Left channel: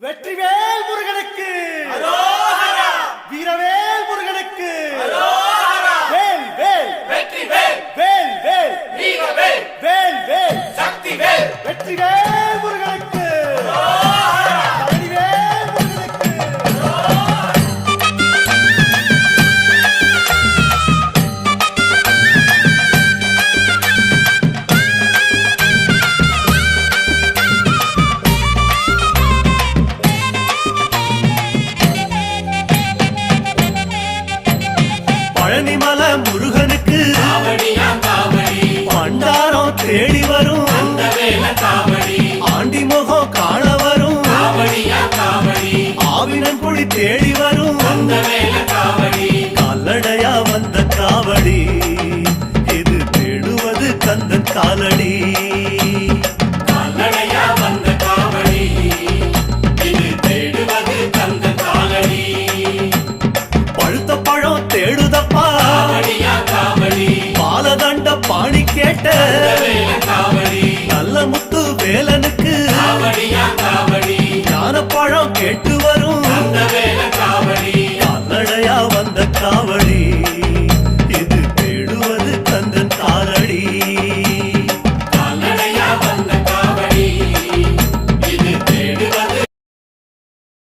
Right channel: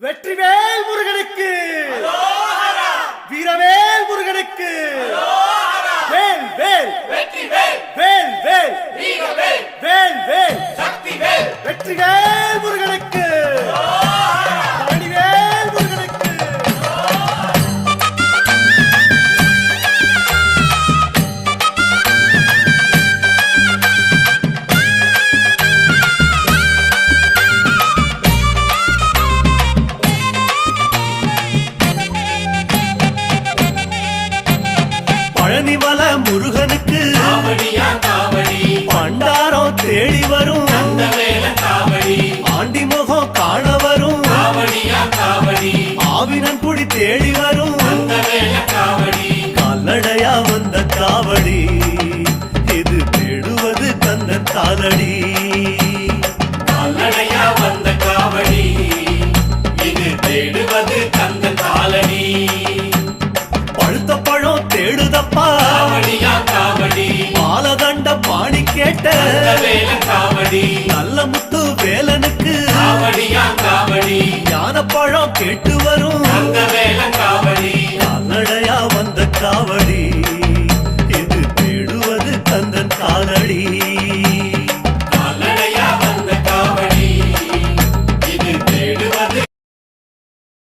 வெற்றிவேல் முருகனுக்கு வீரவேல் முருகனுக்கு வேல் வேல் வெற்றிவேல் வேல் வேல் வீரவேல் வேல் வேல் சக்திவேல் வெற்றிவேல் முருகனுக்கு பழனிவேல் முருகனுக்கு பழனிமல முருகனுக்கு காவடியா காவடி பண்டாரம் தேடி வரும் வேல காவடி ஆண்டி முகம் காண வரும் காவடியா காவடி ஆவினன் குடி தேடி வரும் வேல காவடி கால்நடையா வந்த காவடி இது தேடுவது கந்தன் காலடி கால்நடையா வந்த காவடி இது தேடுவது கந்த காலடி பழுத்த பழம் தேடுதப்பா காவடியா காவடி பாலதண்ட பாணி கேட்ட வேல காவடி நல்ல முத்து வேலனுக்கு காவடியா காவடி ஞான பழம் கேட்டு வரும் வேல காவடி கால்நடையா வந்த காவடி